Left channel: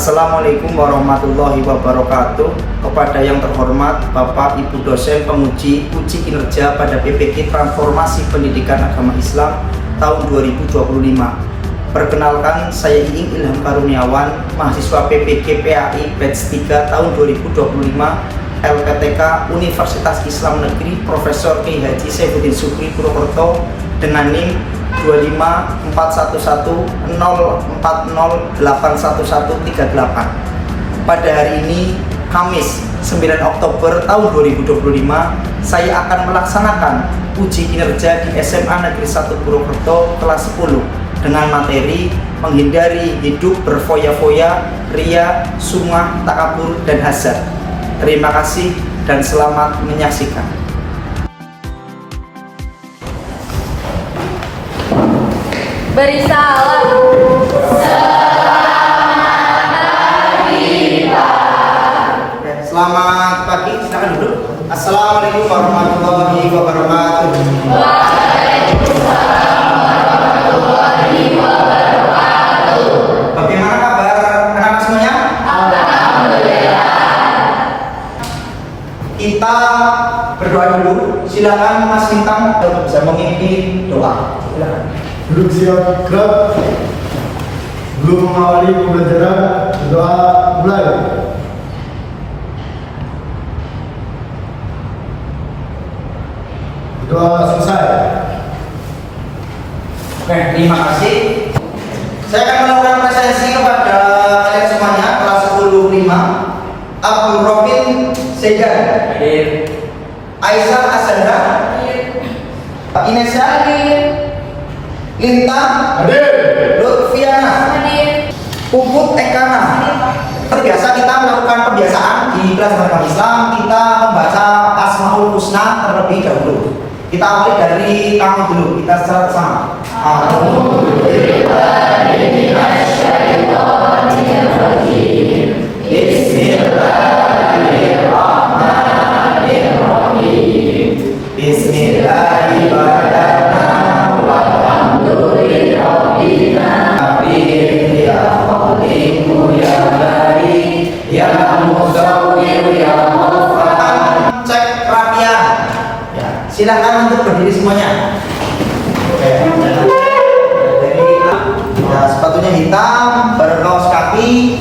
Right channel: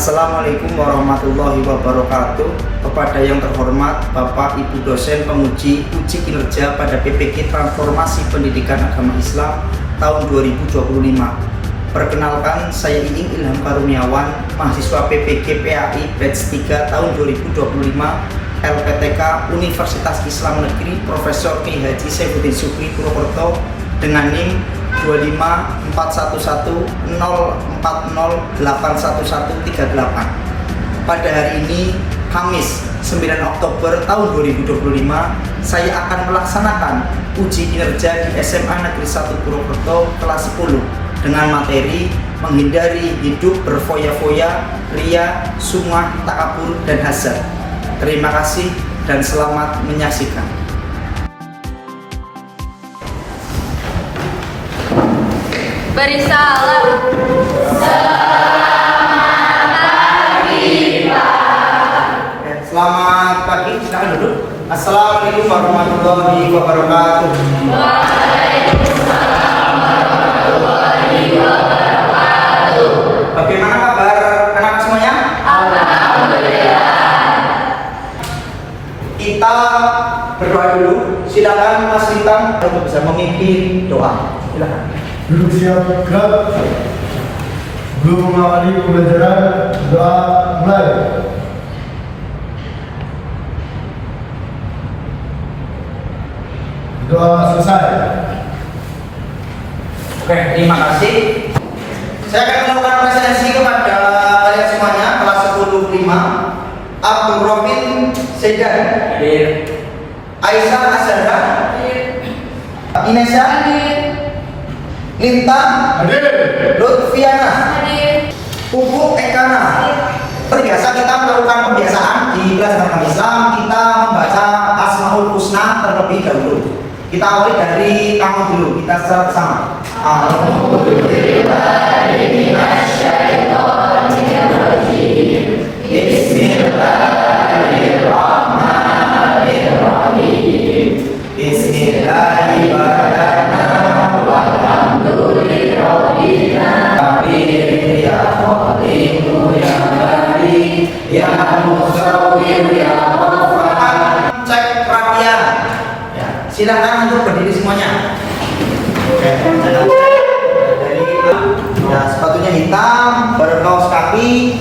Assalamualaikum warahmatullahi wabarakatuh. Kepada yang terhormat Bapak Ibu dosen penguji uji kinerja pada PPK Transformasi Pendidikan Agama Islam tahun 2025. Perkenalkan, saya Iing Ilham Karuniawan, mahasiswa PPK PAI batch 3 tahun 2025, LPTK Universitas Islam Negeri Profesor Kiai Haji Saifuddin Syukri Purwokerto dengan NIM 2540104081138. Pada hari ini, Kamis 9 Oktober tahun 2025, saya akan melaksanakan uji kinerja di SMA Negeri 1 Purwokerto kelas 10 dengan materi menghindari hidup berfoya-foya, ria, sumah, takabur, dan hasad. Terima kasih dan selamat menyaksikan. Beri salam. Selamat pagi, silakan duduk. Assalamualaikum warahmatullahi wabarakatuh. Waalaikumsalam warahmatullahi wabarakatuh. Bagaimana kabar anak semuanya? Alhamdulillah. Kita berdoa dulu. Silakan Mas Lintang untuk bisa memimpin doa. Silakan. Duduk siap gerak. Belum mengawali pembelajaran, doa mulai. Doa selesai. Oke, terima kasih. Saya akan melakukan presentasi kepada kalian semuanya kelas 10-5. Abdul Robin Sedan, Aisyah Azhara, Inesa, Lintang, Lutfiana, Puput Ekana. Biasa kita melakukan pembiasaan di kelas agama Islam, kita membaca Asmaul Husna terlebih dahulu. Kita awali dari kamu dulu, kita secara bersama. Bismillahirrahmanirrahim. Bismillahirrahmanirrahim. Walhamdulillahirobbilalamin. Ya Khaliqu ya Bari ya Musawwir ya Muhammad. Cek perapian. Silakan untuk berdiri semuanya. Oke, ya, sepatunya hitam, berkaos kaki.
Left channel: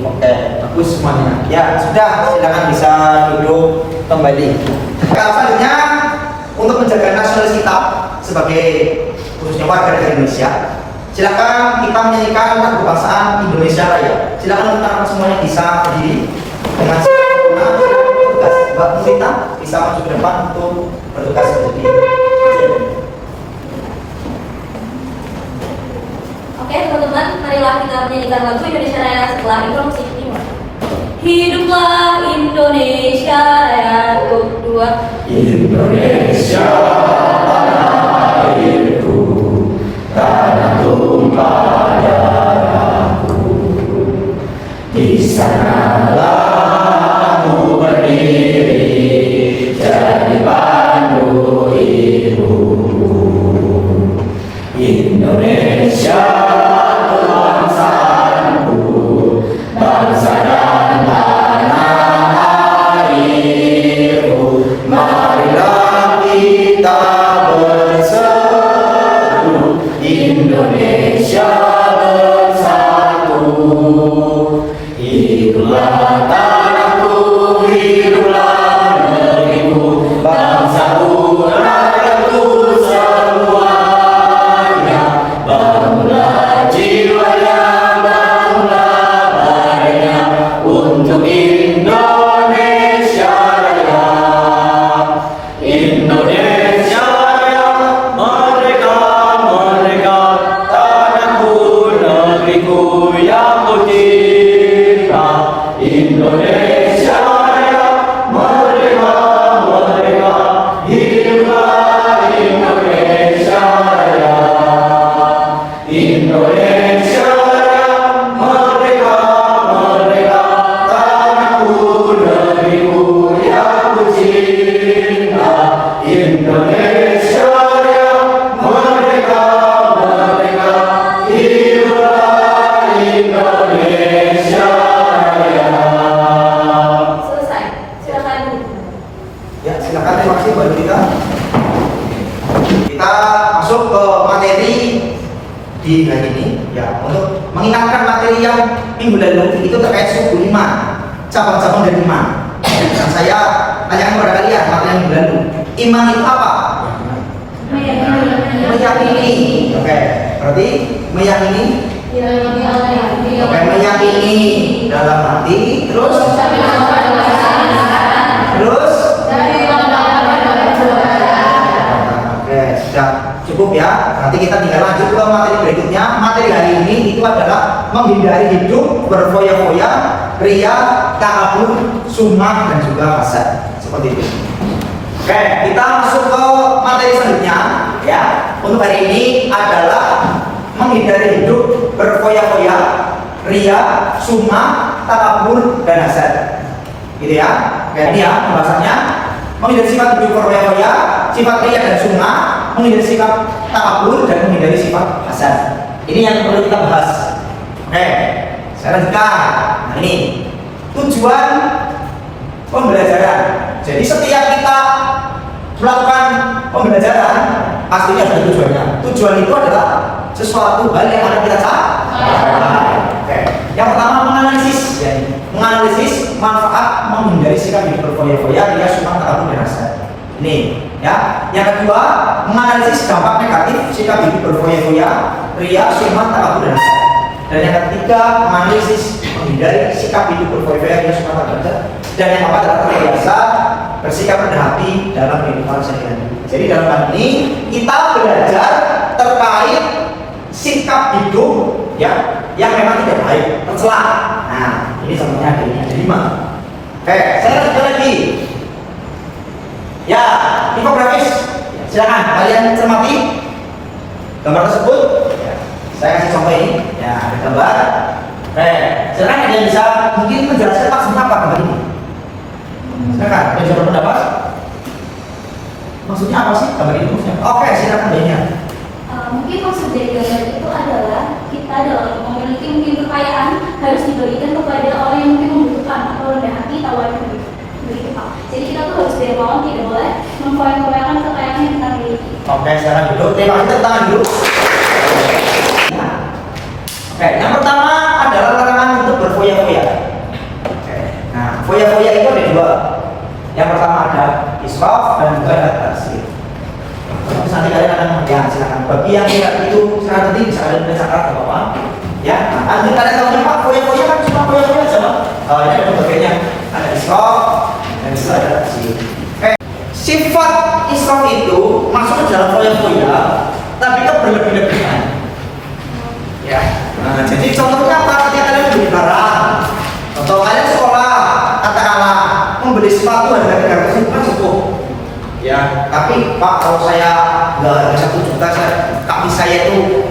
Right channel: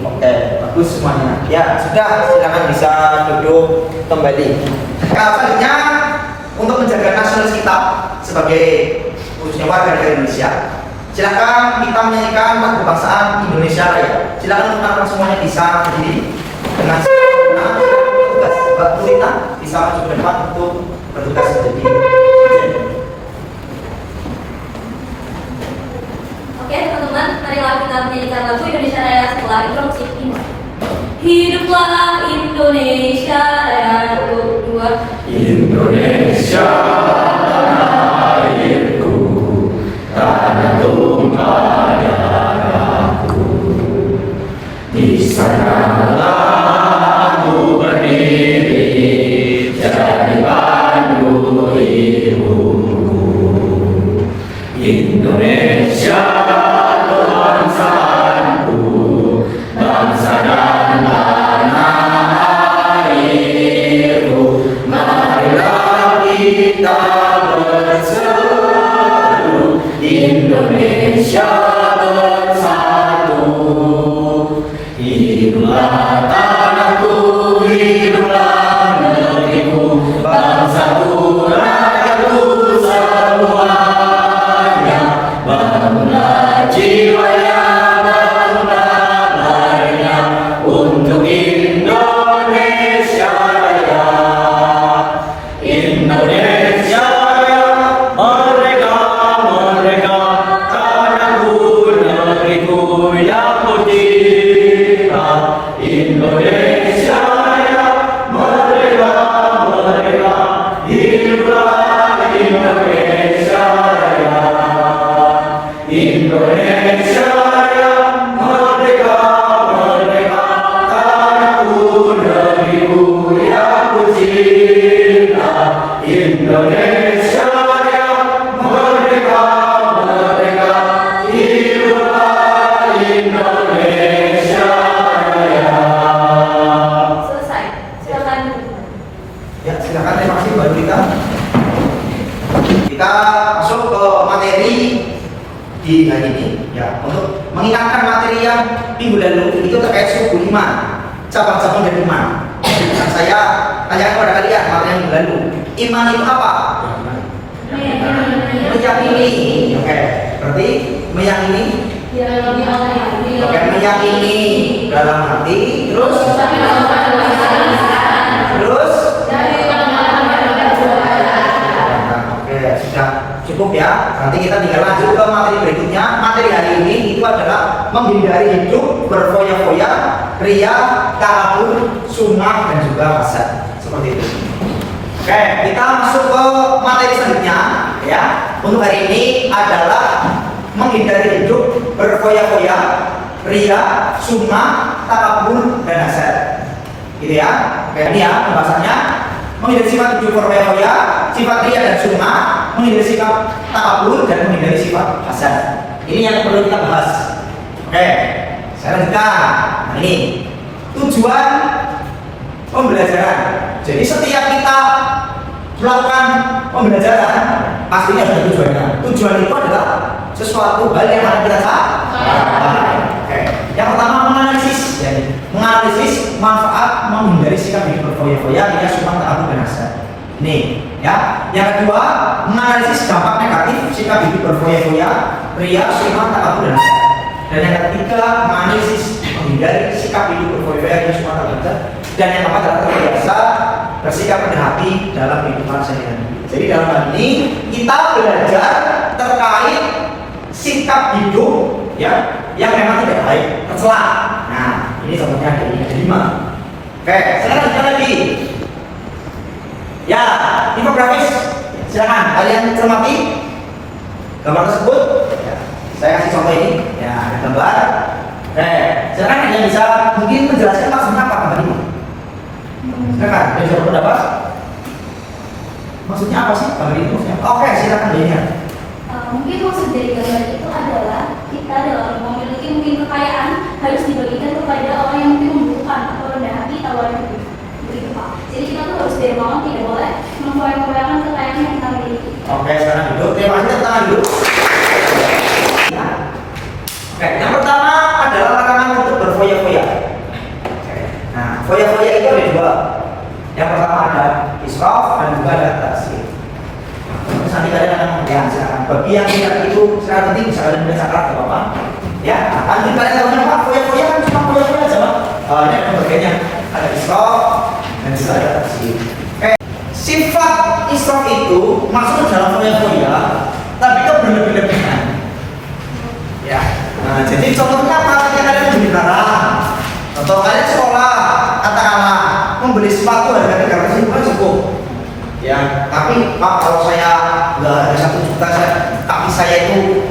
Oke, bagus semuanya. Ya, sudah, silakan bisa duduk kembali. Selanjutnya, untuk menjaga nasionalis kita sebagai khususnya warga negara Indonesia, silakan kita menyanyikan lagu kebangsaan Indonesia Raya. Silakan teman-teman semuanya bisa berdiri dengan tugas Mbak Mulita bisa maju ke depan untuk bertugas menjadi. Oke teman-teman, marilah kita menyanyikan lagu Indonesia Raya setelah introduksi dimulai. Hiduplah Indonesia Raya untuk dua. Indonesia tanah airku, tanah tumpah darahku. Di sanalah aku berdiri, jadi pandu hidupku. Indonesia kebangsaanku, bangsa dan tanah airku. Marilah kita bersatu, Indonesia bersatu. Hiduplah tanahku, hiduplah negeriku, bangsaku, rakyatku masuk ke materi di hari ini ya, untuk mengingatkan materi yang minggu lalu itu terkait suku 5 cabang-cabang dari iman. Dan saya tanyakan kepada kalian materi minggu lalu, iman itu apa? Meyakini. Oke, berarti meyakini. Oke, meyakini dalam hati, terus oke, sudah cukup ya. Nanti kita tinggal lanjut ke materi berikutnya. Materi hari ini itu adalah menghindari hidup berfoya-foya, ria, takabur, sumah dan juga hasad. Seperti itu. Oke, kita masuk ke materi selanjutnya ya. Untuk hari ini adalah menghindari hidup berfoya-foya, ria, sumah, takabur dan hasad. Gitu ya. Oke, ini ya pembahasannya. Menghindari sifat hidup berfoya-foya, sifat ria dan sumah, menghindari sifat takabur dan menghindari sifat hasad. Ini yang perlu kita bahas. Oke, saya lanjutkan. Nah, ini tujuan pembelajaran. Jadi setiap kita melakukan pembelajaran pastinya ada tujuannya. Tujuan itu adalah sesuatu hal yang akan kita capai. Oke. Yang pertama menganalisis, ya, menganalisis manfaat menghindari sikap hidup berfoya-foya, ria, sumah, takabur dan hasad. Ini, ya. Yang kedua menganalisis dampak negatif sikap hidup berfoya-foya, ria, sumah, takabur dan hasad. Dan yang ketiga menganalisis menghindari sikap hidup berfoya-foya, ria, sumah, takabur dan hasad. Dan yang keempat adalah terbiasa bersikap rendah hati dalam kehidupan sehari-hari. Jadi dalam hal ini kita belajar terkait sikap hidup ya yang memang tidak baik, tercela. Nah, ini contohnya ada 5. Oke, saya lanjut lagi. Ya, infografis. Silakan kalian cermati gambar tersebut. Ya, saya kasih contoh ini. Ya, ada gambar. Oke, silakan kalian bisa mungkin menjelaskan maksudnya apa gambar ini. Silakan, kalian bisa berpendapat. Maksudnya apa sih gambar ini maksudnya? Oke, silakan banyak. Mungkin maksud dari gambar itu adalah kita dalam memiliki mungkin kekayaan harus dibagikan kepada orang yang mungkin membutuhkan atau rendah hati tawar begitu Pak. Jadi kita tuh harus dermawan, tidak boleh memfoya-foyakan kekayaan yang kita miliki. Oke, sekarang duduk. Terima kasih, tangan dulu. Oke, yang pertama adalah larangan untuk berfoya-foya. Oke, nah foya-foya itu ada 2. Yang pertama ada israf dan juga ada taksir. Nanti kalian akan mengenal, silakan. Bagi yang tidak itu sangat penting, bisa kalian baca kelas apa? Ya, nanti kalian tahu apa? Foya-foya kan cuma foya-foya aja, Pak. Ini ada bagiannya, ada israf dan juga ada taksir. Oke, sifat israf itu masuk ke dalam foya-foya, tapi itu berlebihan. Ya, nah, jadi contohnya apa? Ketika kalian beli barang, atau kalian sekolah, katakanlah membeli sepatu harga 300.000 kan cukup. Ya, tapi Pak kalau saya nggak ada 1 juta, kaki saya itu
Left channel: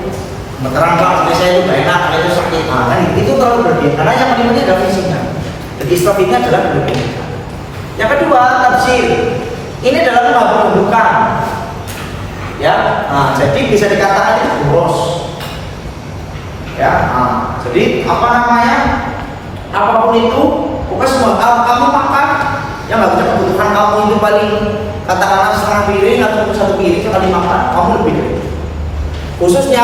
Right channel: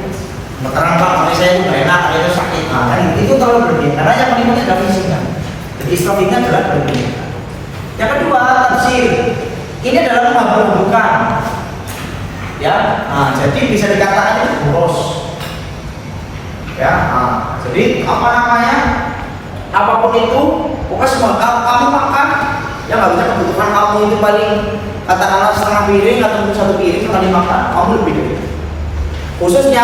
meterang Pak, kaki saya itu nggak enak, kaki itu sakit. Nah, kan itu terlalu berlebihan. Karena yang paling penting adalah fisiknya. Jadi israf ini adalah berlebihan. Yang kedua, tafsir. Ini adalah mengabur-aburkan. Ya, nah, jadi bisa dikatakan itu boros. Ya, nah, jadi apa namanya? Apapun itu, pokoknya semua kamu makan, yang nggak bisa kebutuhan kamu itu paling katakanlah setengah piring atau 1 piring sekali makan, kamu lebih dari itu. Khususnya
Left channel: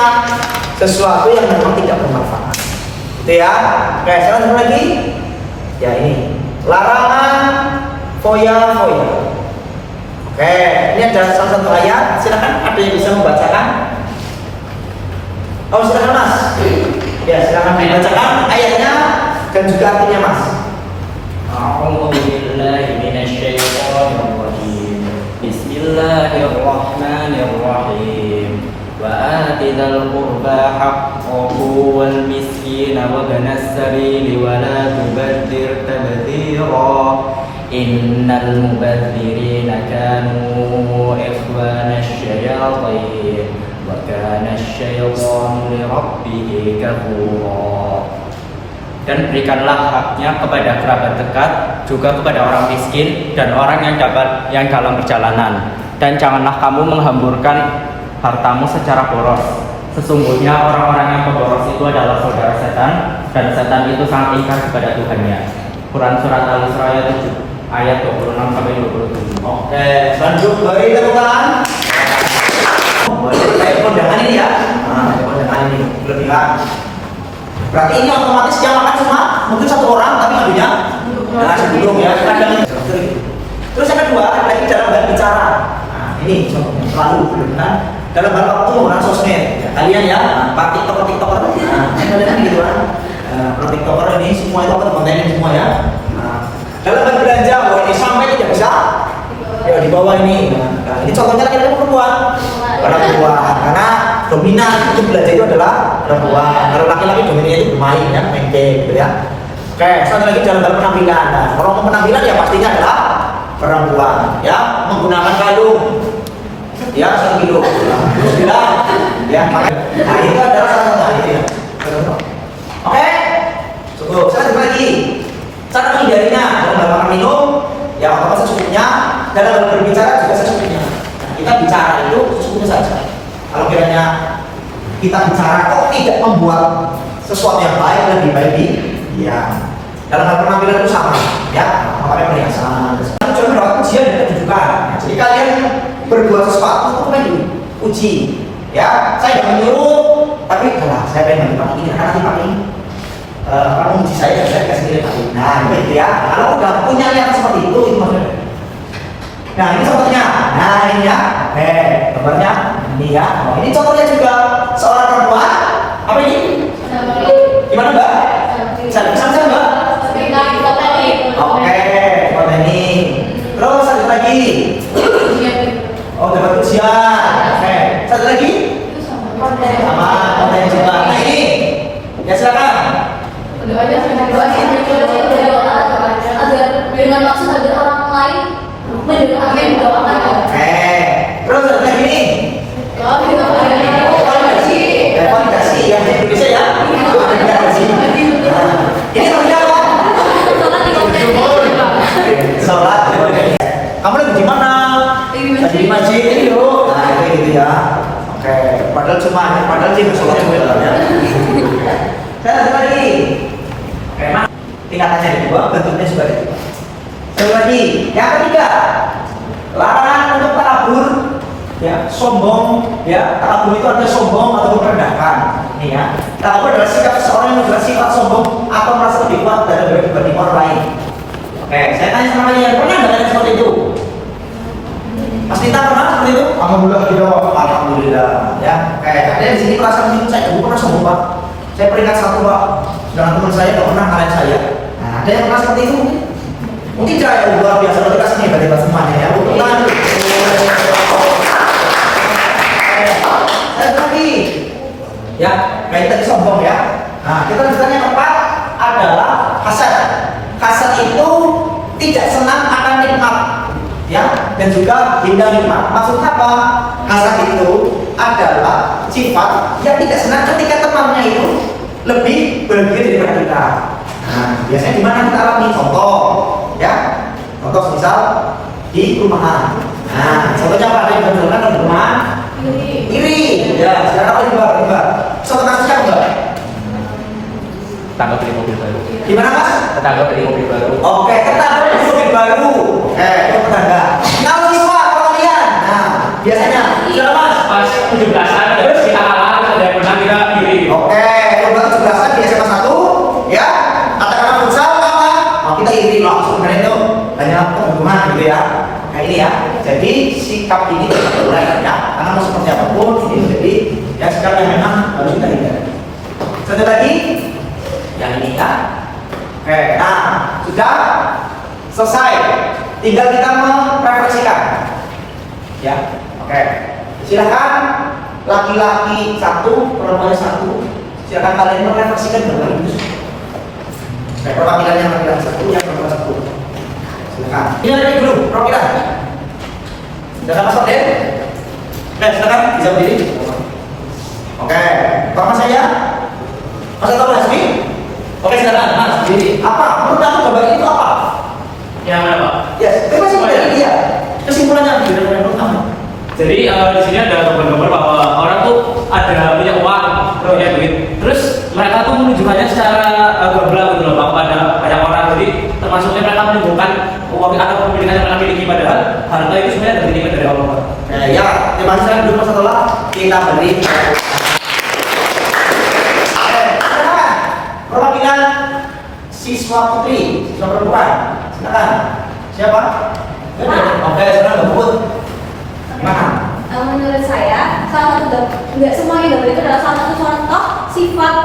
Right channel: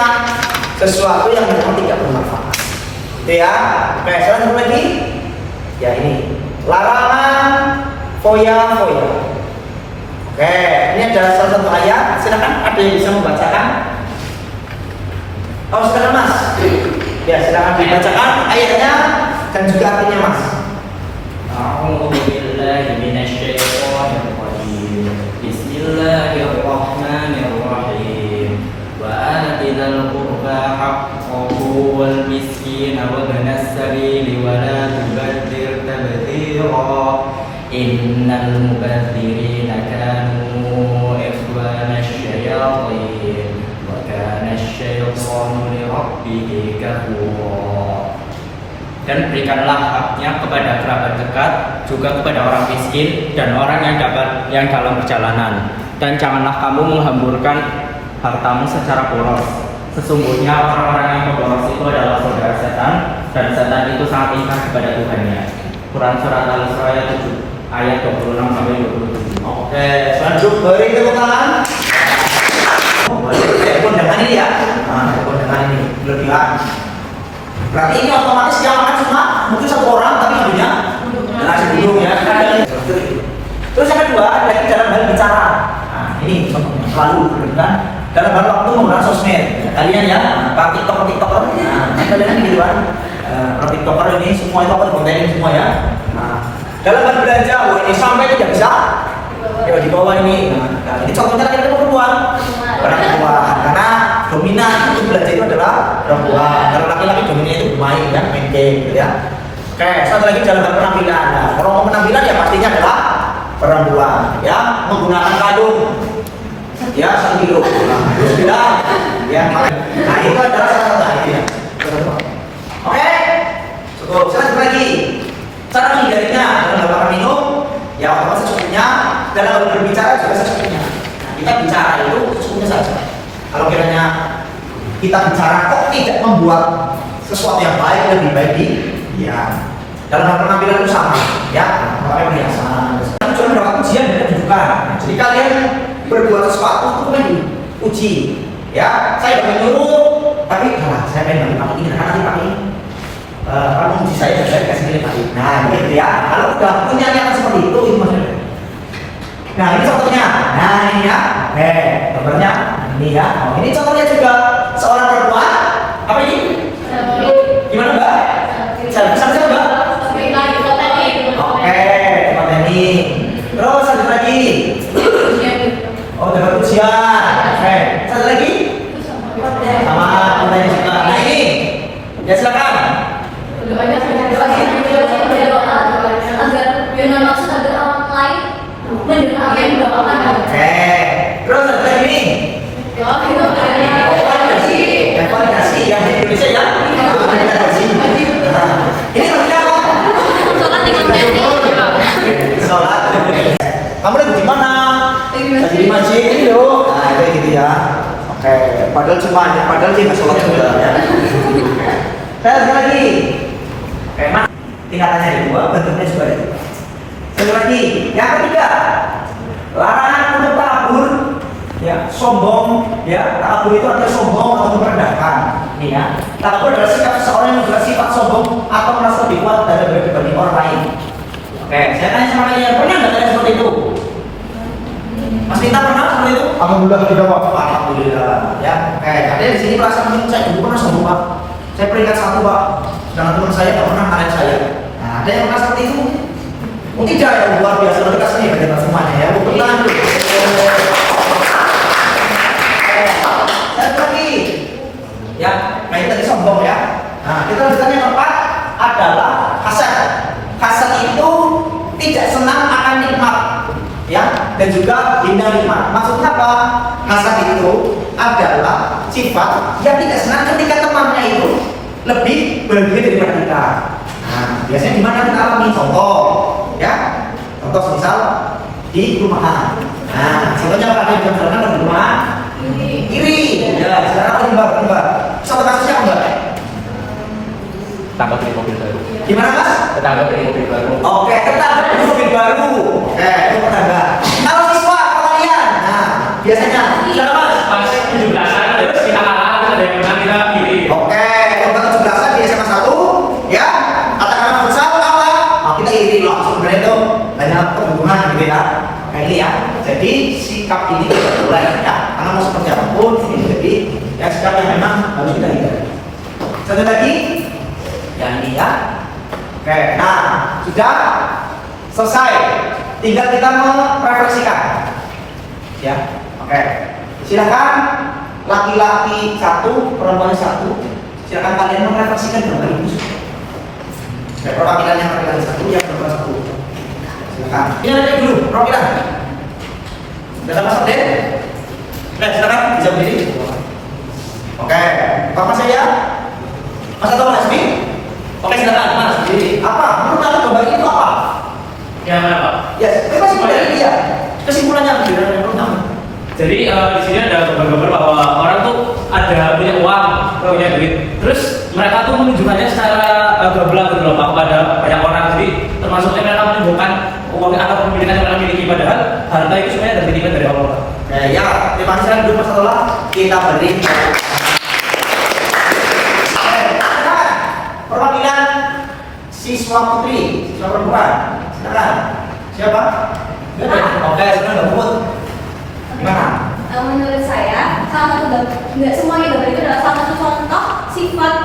sesuatu yang memang tidak bermanfaat. Oke ya, oke selanjutnya lagi. Ya ini larangan foya-foya. Oke, ini adalah salah satu ayat. Silakan ada yang bisa membacakan. Oh silakan Mas. Ya silakan dibacakan ayatnya dan juga artinya Mas. Bismillahirrahmanirrahim. Wa atidal qurba haqqahu wal miskina wa ibnas sabili wa la tubadzir tabdzira. Innal mubadzirina kanu ikhwanasy syayatin wa kana asy-syaitanu li rabbih kafura. Dan berikanlah haknya kepada kerabat dekat, juga kepada orang miskin dan orang yang dalam perjalanan. Dan janganlah kamu menghamburkan hartamu secara boros. Sesungguhnya orang-orang yang pemboros itu adalah saudara setan, dan setan itu sangat ingkar kepada Tuhannya. Quran surat Al-Isra ayat 26 sampai 27. Oke, selanjutnya beri tepuk tangan. Berarti ini otomatis yang makan cuma mungkin satu orang, tapi ngadunya nah sebelum ya. Terus yang kedua lagi dalam hal bicara. Nah ini contohnya selalu kan dalam hal waktu menggunakan sosmed. Ya, kalian ya, para tiktoker, nah kalian gitu kan. Para tiktoker ini semua itu akan kontenin semua ya. Nah, dalam hal belanja, wah ini sampai tidak bisa. Ya di bawah ini. Nah, ini contohnya laki-laki perempuan. Perempuan, karena dominan untuk belanja itu adalah perempuan. Kalau laki-laki dominan itu bermain ya, main game gitu ya. Oke, satu lagi dalam hal penampilan. Nah, kalau mau penampilan ya pastinya adalah perempuan ya, menggunakan kalung ya 1 kilo terus bilang ya, nah itu adalah salah satu hal itu ya. Oke, cukup. Saya lanjut lagi. Cara menghindarinya dalam hal makan minum ya otomatis secukupnya, dalam hal berbicara juga secukupnya. Nah, kita bicara itu secukupnya saja. Kalau kiranya kita bicara kok tidak membuat sesuatu yang baik, lebih baik ya. Dalam hal penampilan itu sama ya, makanya perhiasan. Cuma mendapat ujian dan kedudukan. Jadi kalian berbuat sesuatu itu kan diuji ya. Saya tidak menyuruh, tapi saya pengen pakai ini karena nanti pakai ini. Kamu uji saya dan saya kasih dia pakai. Nah gitu ya. Kalau udah punya niatan seperti itu maksudnya. Nah ini contohnya. Nah ini ya. Oke, gambarnya ini ya. Oh, ini contohnya juga seorang perempuan. Apa ini? Gimana Mbak? Bisa Mbak? Oke, konten ini. Terus satu lagi. Oh, dapat ujian. Oke, satu lagi. Sama konten juga. Nah ini, ya silakan. Agar dengan maksud agar orang lain mendengar apa yang doakan. Oke, terus satu lagi ini. Validasi yang di Indonesia ya. Validasi. Ini maksudnya apa? Sholat. Kamu lagi di mana? Lagi di masjid ini loh. Nah itu gitu ya. Oke. Padahal sih sholat sebenarnya. Satu lagi. Oke. Tingkatannya kedua, bentuknya seperti itu. Satu lagi. Yang ketiga, larangan untuk takabur, ya sombong, ya takabur itu adalah sombong atau merendahkan. Nih ya. Takabur adalah sikap seseorang yang bersifat sombong atau merasa lebih kuat dibanding orang lain. Oke, saya tanya sama kalian, pernah nggak tanya seperti itu? Mas Tita pernah seperti itu? Alhamdulillah tidak Pak. Alhamdulillah, ya. Kayak kalian di sini merasa saya dulu pernah sombong Pak. Saya peringkat 1 Pak. Dengan teman saya nggak pernah ngalahin saya. Nah, ada yang pernah seperti itu mungkin? Mungkin ya luar biasa kalau kita sini hebat semuanya ya. Untuk lanjut. Satu lagi, ya. Nah ini tadi sombong ya. Nah kita lanjutkan yang keempat adalah hasad. Hasad itu tidak senang akan nikmat, ya, dan juga hindar nikmat. Maksudnya apa? Hasad itu adalah sifat yang tidak senang ketika temannya itu lebih berlebih daripada kita. Nah, biasanya di mana kita alami? Contoh, ya, contoh misal di rumahan. Nah, contohnya apa? Ada yang berjalan di rumah iri. Ya, sekarang apa Mbak? Contoh kasusnya apa Mbak? Tetangga beli mobil baru. Gimana Mas? Tetangga beli mobil baru. Oke, tetangga beli mobil baru. Oke, itu tetangga. Kalau siswa kalian, nah biasanya, siapa Mas? Pas 17-an terus kita kalah ada yang menang kita pilih. Oke, untuk 17-an di SMA 1, ya, katakanlah futsal apa? Nah, kita iri langsung dari itu banyak perhubungan gitu ya. Nah ini ya, jadi sikap ini kita boleh ya, karena mau seperti apapun ini jadi ya sikap yang memang harus kita hindari. Satu lagi, yang ini ya. Oke, nah sudah selesai. Tinggal kita merefleksikan. Ya, oke. Silakan laki-laki 1, perempuan 1. Silakan kalian merefleksikan berapa ini. Perwakilan yang laki-laki 1, yang perempuan 1. Silakan. Ini ada dulu, perwakilan. Sudah masuk deh. Oke, silakan bisa berdiri. Oke, nama saya Mas Anton Resmi. Oke, silakan Mas berdiri. Apa? Menurut Anda gambar itu apa? Yang mana Pak? Yes, itu masih dari dia. Kesimpulannya apa dari menurut kamu? Jadi di sini ada gambar-gambar bahwa orang tuh ada punya uang, punya duit. Terus mereka tuh menunjukkannya secara gamblang gitu loh Pak kepada banyak orang. Jadi termasuknya mereka menunjukkan uang atau pemilikan yang mereka miliki, padahal harta itu sebenarnya ada titipan dari Allah. Ya, terima kasih dulu Mas Anton. Kita beri. Perwakilan siswa putri, siswa perempuan. Silakan. Siapa? Oke, sekarang gabut. Gimana? Menurut saya, salah satu nggak semuanya gambar itu adalah salah satu contoh sifat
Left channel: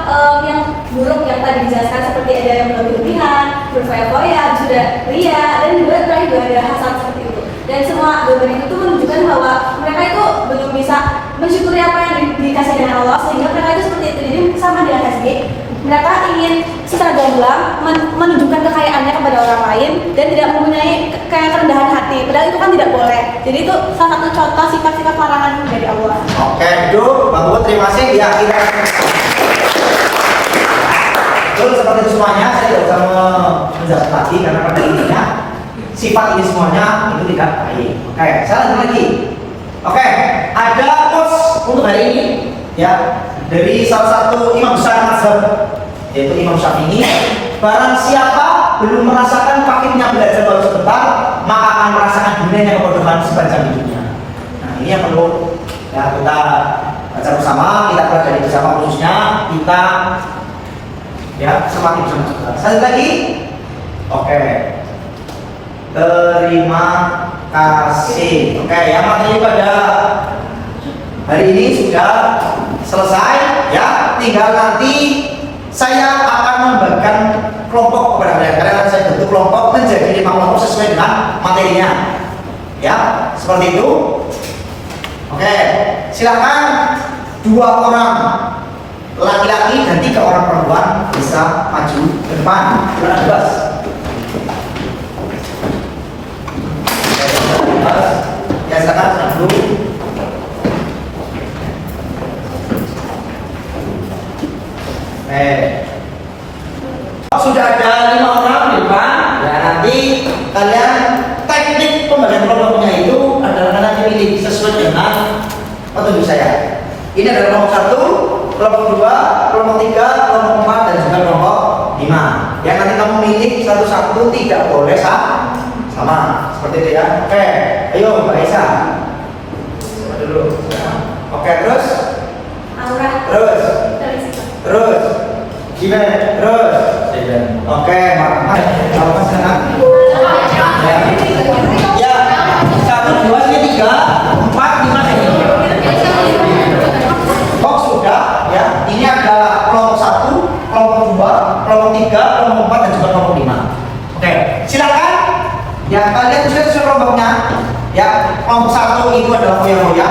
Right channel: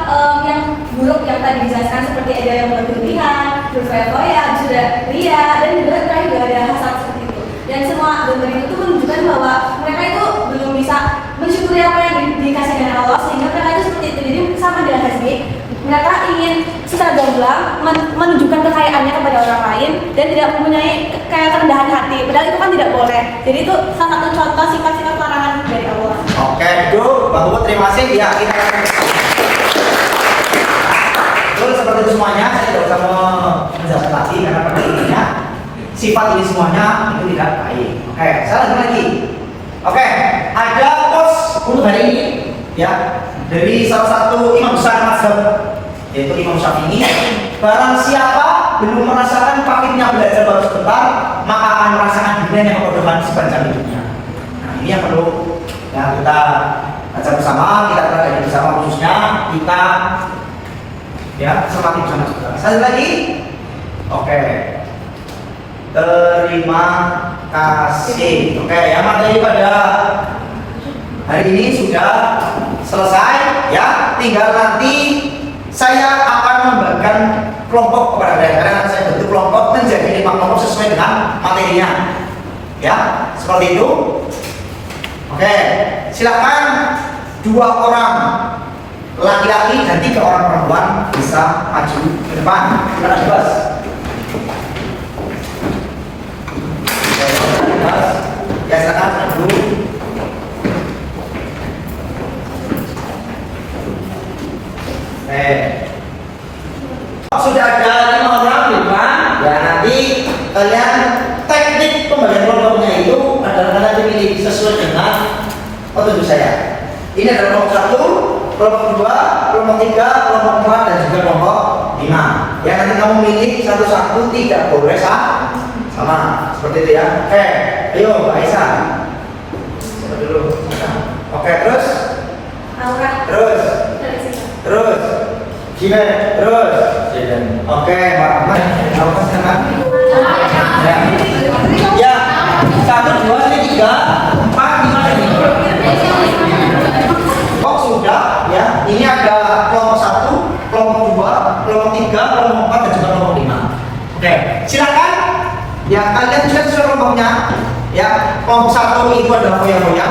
yang buruk yang tadi dijelaskan, seperti ada yang berlebihan, berfoya-foya, sudah ria, dan juga terakhir juga ada hasad seperti itu. Dan semua gambar itu tuh menunjukkan bahwa mereka itu belum bisa mensyukuri apa yang dikasih dengan Allah, sehingga mereka itu seperti itu. Jadi sama dengan HSG, mereka ingin secara gamblang menunjukkan kekayaannya kepada orang lain dan tidak mempunyai kayak kerendahan hati. Padahal itu kan tidak boleh. Jadi itu salah satu contoh sifat-sifat larangan dari Allah. Oke, duduk. Bang Bubut, terima kasih. Ya, kita betul seperti itu semuanya. Saya tidak usah menjelaskan lagi karena pada intinya sifat ini semuanya itu tidak baik. Oke, saya lanjut lagi. Oke, ada quotes untuk hari ini ya dari salah satu imam besar mazhab yaitu Imam Syafi'i. Barang siapa belum merasakan pahitnya belajar baru sebentar, maka akan merasakan hidupnya kebodohan sepanjang hidupnya. Nah, ini yang perlu ya, kita baca bersama, kita pelajari bersama, khususnya kita ya semati bersama juga. Sekali lagi, oke. Terima kasih. Oke, yang materi pada hari ini sudah selesai ya. Tinggal nanti saya akan membagikan kelompok kepada kalian. Karena saya bentuk kelompok menjadi 5 kelompok sesuai dengan materinya. Ya, seperti itu. Oke, silakan 2 orang laki-laki dan 3 orang perempuan bisa maju ke depan. Silakan bebas. Ya, silakan dulu. Sudah ada 5 orang bukan? Ya, nanti kalian teknik pembagian kelompoknya itu adalah kalian pilih sesuai dengan petunjuk saya. Ini adalah kelompok 1, kelompok 2, kelompok 3, kelompok 4 dan juga kelompok 5. Yang nanti kamu milih satu-satu, tidak boleh sama. Seperti itu ya. Oke, ayo Mbak Aisyah. Coba dulu. Oke, terus? Aura. Terus? Gimana? Terus? Oke, Mbak. Kalau Mas dengan? Ya. 1, 2, 3, 4, 5 ini. Oh, sudah ya. Ini ada kelompok 1, kelompok 2, kelompok 3, kelompok 4 dan juga kelompok 5. Oke, silakan. Ya, kalian sudah sesuai kelompoknya. Ya, kelompok 1 itu adalah foya-foya,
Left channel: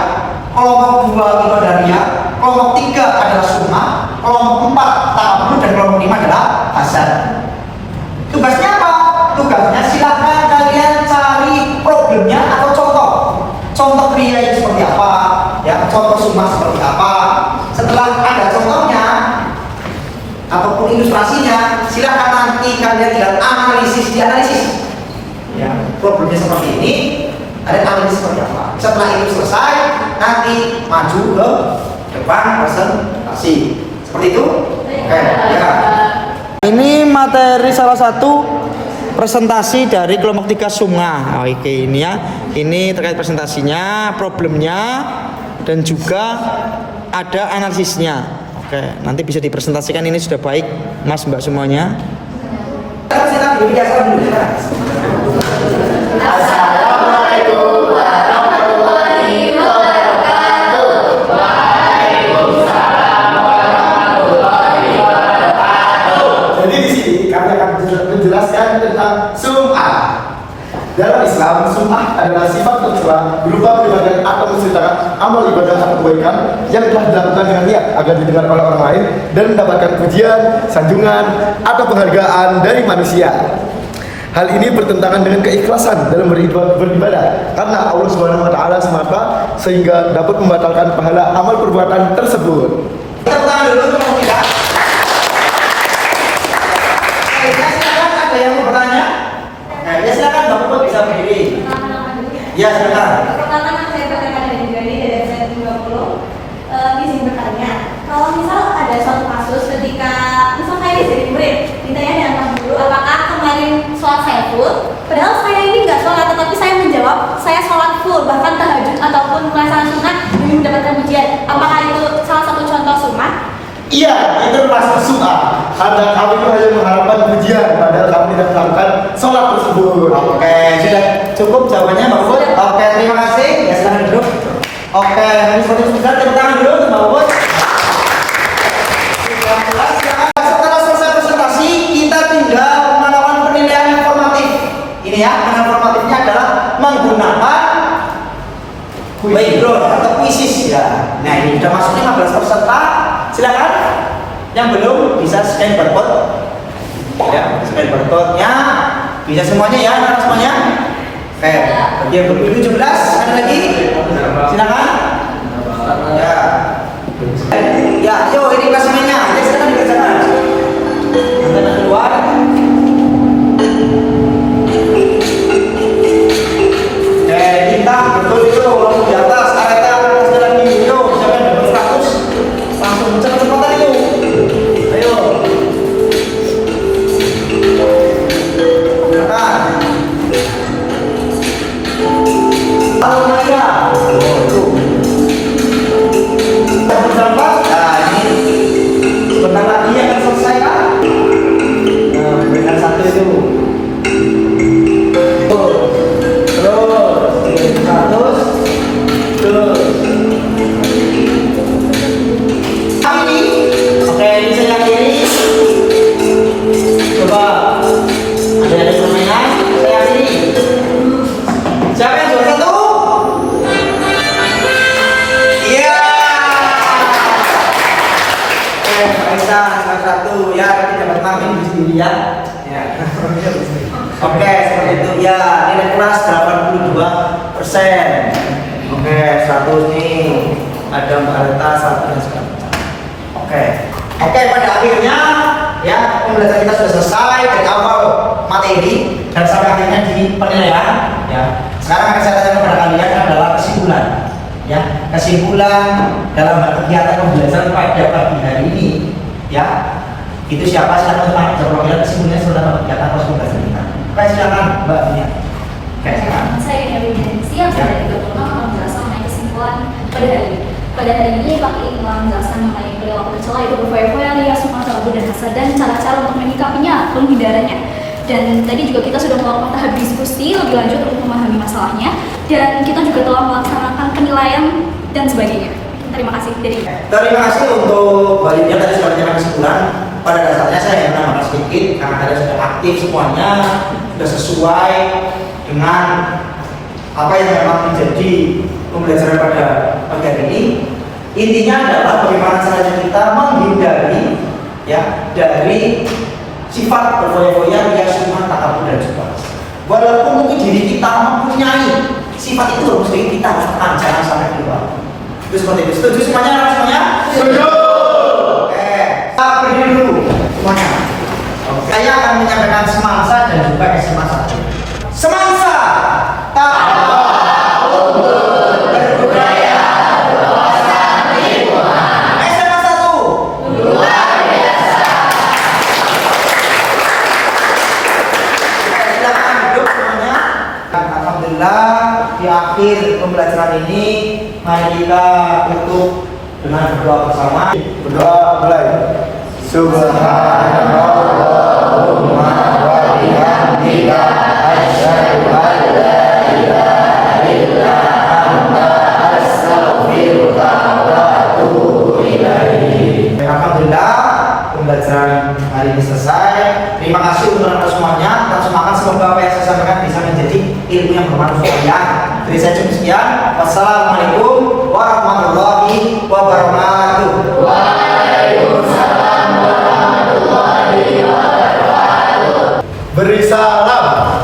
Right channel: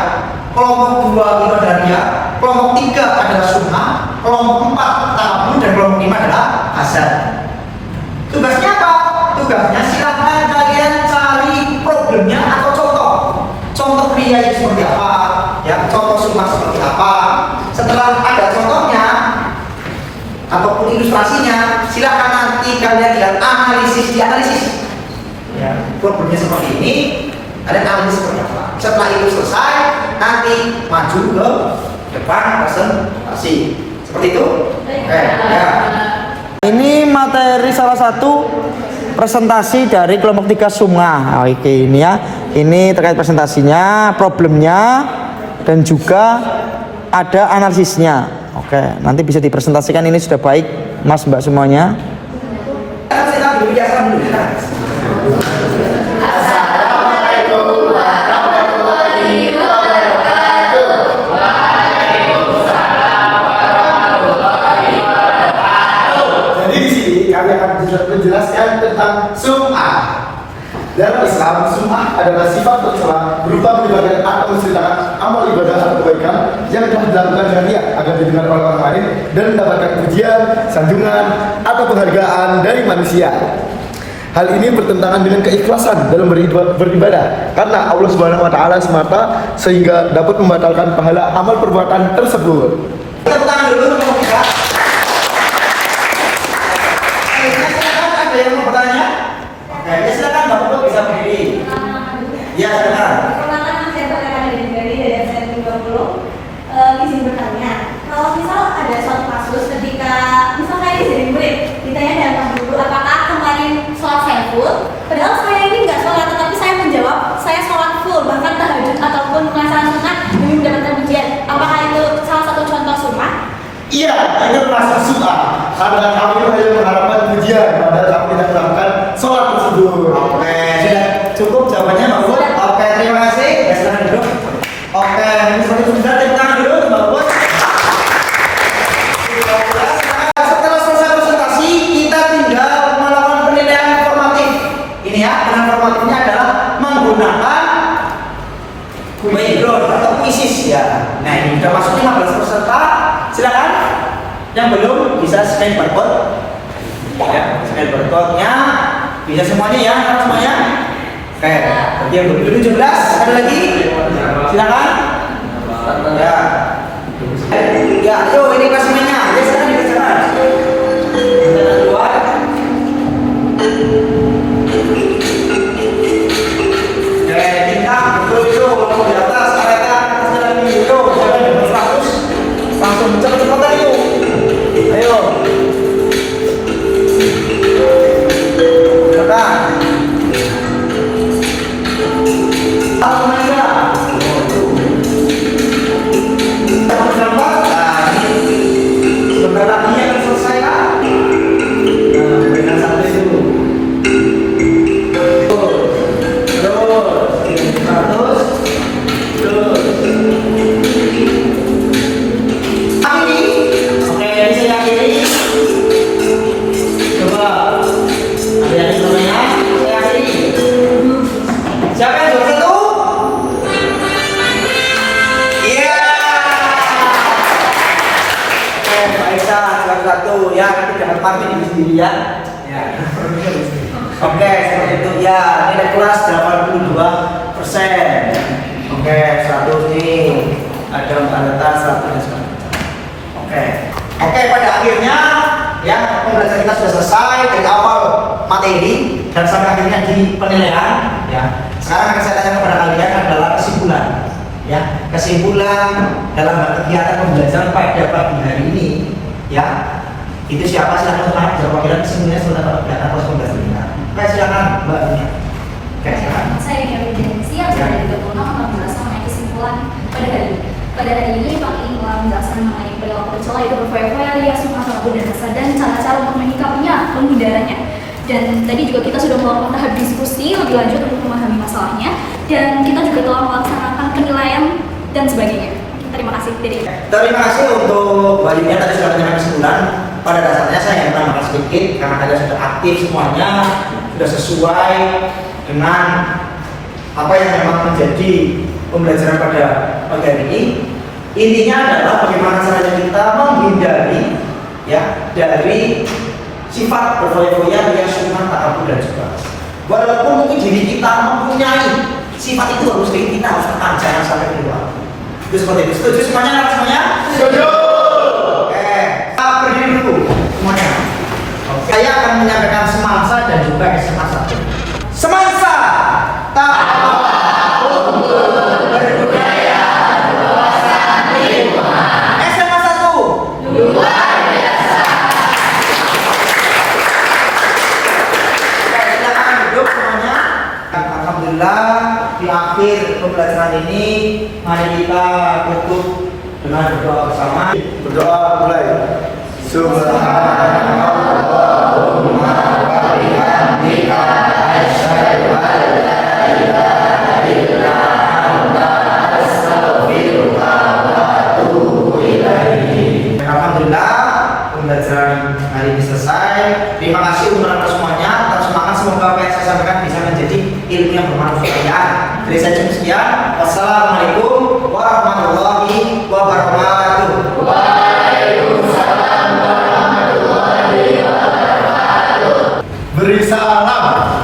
kelompok 2 itu adalah ria, kelompok 3 adalah sunnah, kelompok 4 tabu dan kelompok 5 adalah hasad. Tugasnya apa? Tugasnya silakan kalian cari problemnya atau contoh. Contoh ria itu seperti apa? Ya, contoh sunnah seperti apa? Setelah ada contohnya ataupun ilustrasinya, silakan nanti kalian tinggal dianalisis. Ya, problemnya seperti ini, ada analisis seperti apa. Setelah itu selesai, nanti maju ke depan presentasi. Seperti itu. Oke, ya. Ini materi salah satu presentasi dari kelompok 3 Sunga. Oke, ini ya. Ini terkait presentasinya, problemnya dan juga ada analisisnya. Oke, nanti bisa dipresentasikan. Ini sudah baik, Mas Mbak semuanya. Assalamualaikum warahmatullahi wabarakatuh. Waalaikumsalam warahmatullahi wabarakatuh. Jadi di sini kami akan menjelaskan tentang sum'ah. Dalam Islam, sum'ah adalah sifat tercela berupa menyebarkan atau menceritakan amal ibadah atau kebaikan yang telah dilakukan dengan niat agar didengar oleh orang lain dan mendapatkan pujian, sanjungan, atau penghargaan dari manusia. Hal ini bertentangan dengan keikhlasan dalam beribadah karena Allah Subhanahu wa taala semata sehingga dapat membatalkan pahala amal perbuatan tersebut. Tepuk tangan dulu untuk kita. Silakan, ada yang mau bertanya? Oke, ya silakan Bapak bisa berdiri. Ya, silakan. Pertama saya bertanya dari saya 20 izin bertanya. Kalau misal ada suatu kasus ketika misal saya jadi murid, ditanya dengan guru apakah kemarin sholat saya full, padahal saya ini nggak sholat, tetapi saya menjawab saya sholat full, bahkan tahajud ataupun melaksanakan sunnah demi mendapatkan pujian. Apakah itu salah satu contoh sunnah? Iya, itu masuk sum'ah. Karena kami itu hanya mengharapkan pujian, padahal kami tidak melakukan sholat tersebut. Oke, sudah cukup jawabannya Mbak Puput? Oke, terima kasih. Ya, silahkan duduk. Oke, ini seperti sudah tepuk tangan dulu Mbak Puput. Setelah selesai presentasi, kita tinggal melakukan penilaian formatif. Ini ya, penilaian formatifnya adalah menggunakan background atau quizzes ya. Nah, ini sudah masuk 15 peserta. Silakan. Yang belum bisa scan barcode. Ya, scan barcode-nya bisa semuanya ya, semuanya. Oke, berarti yang belum 17 ada lagi? Silakan. Ya. Ya, yuk ini kelas-kelasnya. Ya, silakan dikerjakan. Kita keluar. Kita betul-betul langsung di atas kereta jalan ini. Yuk, jangan double status. Langsung mencet tempat yuk. Ayo. Silakan. Tahu mereka. Nah, ini sebentar lagi akan selesai kan? Nah, berikan satu itu. Siapa yang juara satu? Iya. Pak Isa juara satu ya, nanti dapat marking di sini ya. Ya. Oke, seperti itu ya. Nilai kelas 82%. Oke, satu ini ada Mbak Alta, satu dan sebagainya. Oke, pada akhirnya ya pembelajaran kita sudah selesai dari awal materi dan sampai akhirnya di penilaian ya. Sekarang yang saya tanya kepada kalian adalah kesimpulan ya, kesimpulan dalam kegiatan pembelajaran pada pagi hari ini ya. Itu siapa? Silakan untuk jawab kesimpulannya sudah dapat data pos pembelajaran kita. Oke, silakan Mbak Nia. Oke, silakan. Saya ingin siap saya juga mau menjelaskan mengenai kesimpulan pada hari ini. Pada hari ini Pak ingin menjelaskan mengenai perilaku tercela itu berfoya-foya alias mengaku dan hasad dan cara-cara untuk menyikapinya, penghindarannya. Dan tadi juga kita sudah melakukan tahap diskusi lebih lanjut untuk memahami masalahnya dan kita juga telah melaksanakan penilaian dan sebagainya. Terima kasih dari. Terima kasih untuk Baliknya tadi sudah menyampaikan kesimpulan. Pada dasarnya saya hanya menambahkan sedikit karena kalian sudah aktif semuanya, sudah sesuai dengan apa yang memang menjadi pembelajaran pada pagi hari ini. Intinya adalah bagaimana caranya kita menghindari ya dari sifat berfoya-foya yang cuma takabur dan juga. Walaupun mungkin diri kita mempunyai sifat itu harus kita harus tekan, jangan sampai keluar. Itu seperti itu. Setuju semuanya? Setuju. Oke, kita berdiri dulu semuanya. Saya akan menyampaikan semangsa dan juga SMA 1. Semangsa tak berbudaya berwawasan lingkungan. SMA 1 luar biasa. Silakan duduk semuanya. Alhamdulillah di akhir pembelajaran ini mari kita tutup dengan berdoa bersama. Berdoa mulai. Subhanallahumma wa bihamdika asyhadu an la ilaha illa anta astaghfiruka wa atubu ilaik. Alhamdulillah pembelajaran hari ini selesai. Terima kasih untuk anda semuanya. Tetap semangat, semoga apa yang saya sampaikan bisa menjadi ilmu yang bermanfaat ya. Jadi saya cukup sekian. Wassalamualaikum warahmatullahi wabarakatuh. Waalaikumsalam warahmatullahi wabarakatuh. Beri salam.